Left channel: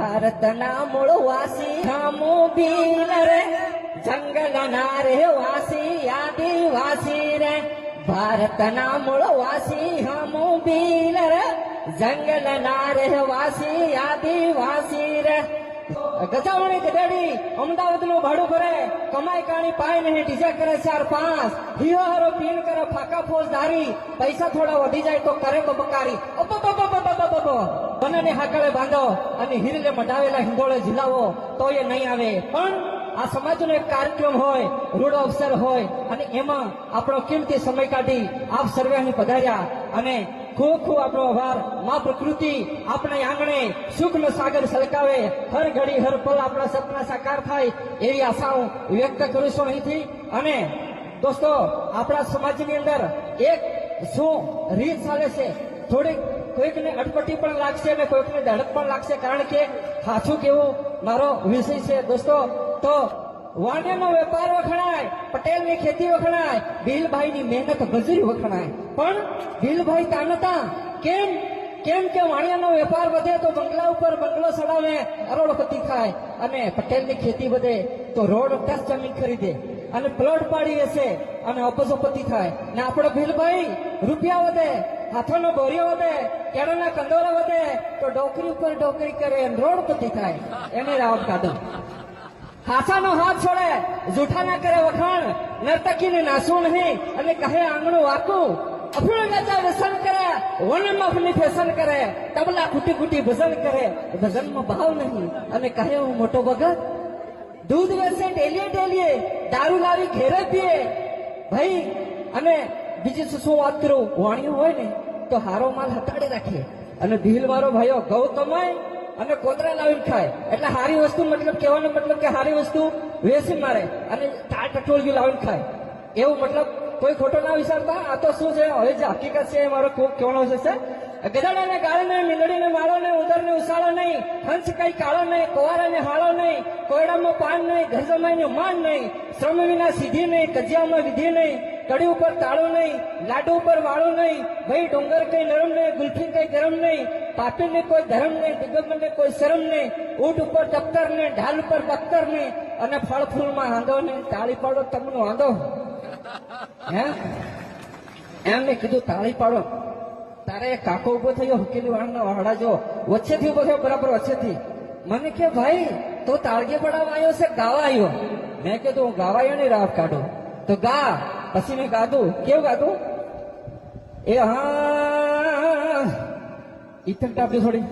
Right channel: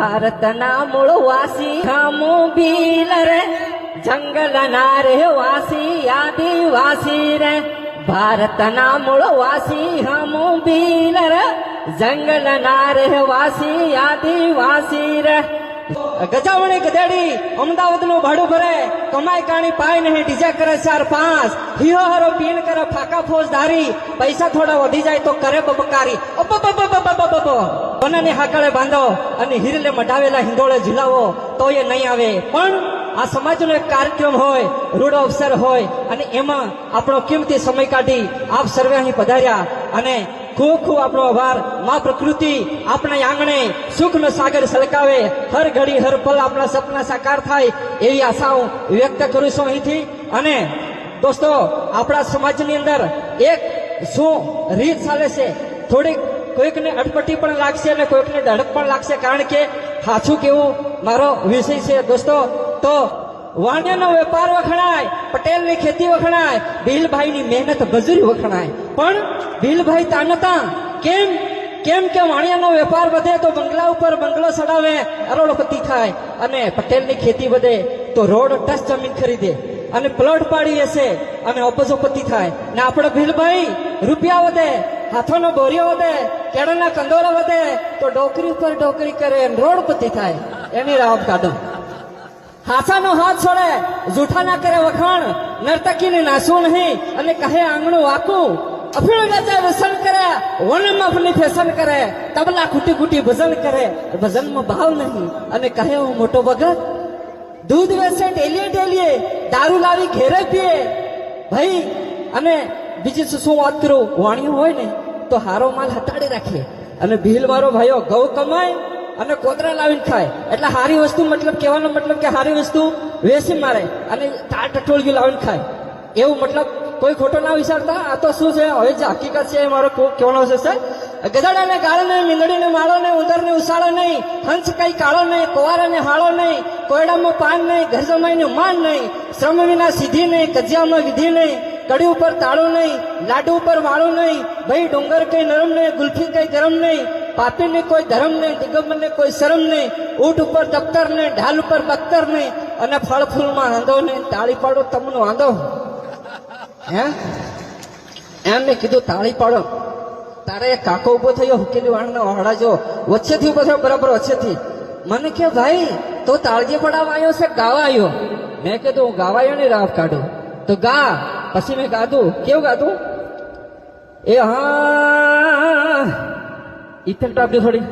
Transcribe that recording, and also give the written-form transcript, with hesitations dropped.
ભારતના મૂળ વાસી હમુ ભીલ રે, જંગલના રહેવાસી આદિવાસી રે. ભારતના મૂળ વાસી હમુ ભીલ રે, જંગલના રહેવાસી આદિવાસી રે. ગજાવણી ગધેડી અમદાવાદ નું ભાડું ભરે, કમાઈ કાણી પાય નહીં, ડીજા કરે 4-5, હિયો હારો પીણ કરે ફાકા ફોજદારી, પૈસા થોડા વધી જાય તો કરે બબકારી. કોનાને હાકળે બાંધો અને હિરલે મઢાવેલા હિંડોળે ઝુલાવો તો એ નહીં આવે. પણ આ સમાજનો એક કાર્યક્રમ હોય, રૂડો અવસર હોય અને એમાં આપણો કિંમતી સમય કાઢી આપ સર્વે અહીં પધાર્યા અને ખૂબ ખૂબ આપણો આભાર. માં પ્રકૃતિ આપણા આંગણે સુખનો સાગર સલકાવે, હર ઘડી હર પલ આપણા સપના સાકાર થાય એવી આશાઓ વ્યક્ત કરું છું અહીંથી. અને દોસ્તો, આપણા સમાજની અંદર એક શું રીત ચાલે છે, થોડીક કોઈકને અટપટી પણ લાગશે અને કોઈકને ધડક પણ લાગશે, કારણ કે સાચું કેવું મારો વિષય છે દોસ્તો. તો વાણિયાનો વેપાર વખણાય, પટેલની ખેતી વખણાય, ભીલભાઈની મહેનત મજૂરી વખણાય. પણ ભીલભાઈ તાનતા કેમ કેમ કે વાણિયાનો વેપાર વધે તો બંગલા ઉપર બંગલો ચડાવે, અરોડપતિ થાય, અને પટેલની ખેતી વધે તો રોડ ટચ જમીન ખરીદે અને પ્લોટ પાડી હશે અને અબજોપતિ થાય. ને આપણો ભીલભાઈ રૂપિયા વધે, હાથોનો બોરિયો વધે, કેળાના કંદોરા વધે તો ડોકરી ઉપર ડોકરી કરે, રોડપતિ થાય. એની રાવ કાઢો. હાથાનો હાથ છોડે, જૂઠાના કરે વખાણ, નર્તકીને નાસવું નહીં અને કહે આંગણું વાકું. અફીણ વેચે વ્યસન કરે, વનમાં આપની ફેશન કરે, તબલા કુટી કુટી ભજન કરે, ભજનમાં ભાવ નહીં અને કહે હું મોટો ભગત. દૂધ વેચે ડેલીએ ડેલીએ, દારૂ લાવી ઘેરે પીએ ભાઈ. અને બીજી શું વાત કરું, વાણિયું હોય ને તો હારો માલ હટાડી રાખે અને ભીલ વાળો ભાઈઓ ઘઉં કમાય અને કોતરા લાવીને ખાય. એટલે હારી વસ્તુ મતલબ કહેવાનો મતલબ કે હારી વસ્તુ વેસી મારે અને ટટોળિયું લાવીને ખાય, એવું મતલબ કોઈ ખોટો ના વિચારતા. આ તો શું છે, હવે જે હકીકત છે એ મારો કહેવાનો છે. ગધાડાને ગાળો નહીં, મીંદડીને માળો નહીં, ઉંદરને ઉસાળો નહીં, હંસ કઈ કાળો નહીં, કોવારાને હાળો નહીં, કોયડામાં પાન નહીં, ઘર જમાઈનું માન નહીં, શ્રમ વિના સિદ્ધિ નહીં, કજિયામાં વિધિ નહીં, કડી ઉપર તાળું નહીં, લાડુ ઉપર વાળું નહીં, ભાઈ ડુંગર કઈ નરમ નહીં, ગુલ્ફી કઈ ગરમ નહીં, પાપી ને કોઈ ધર્મ નહીં, દિગંબર ને કોઈ શરમ નહીં, ઊંટ ઉપર દફતર નહીં, ઢાલ ઉપર બખ્તર નહીં, અને ફળ ફૂલમાં વાંધો નહીં. તાળી પાડો તમને વાંધો હે? એમ મેં કીધું તાળી પાડો. તારે એક કાકો ઉભો થયો, હુકેલી વાળના વાળા જો વચ્ચેથી ઉભો થયો, બરાબર વચ્ચેથી. મને કે ભાઈ તો તાળજી પડાવવા આવ્યો છે ગાવા આવ્યો? મેં કીધું હું ગાવા આવ્યો ને રાવ કાઢું તો ગા. પછી મેં ગાધું. કેવું ગાધું? એ હા ઇફેક્ટ આપજો થોડી.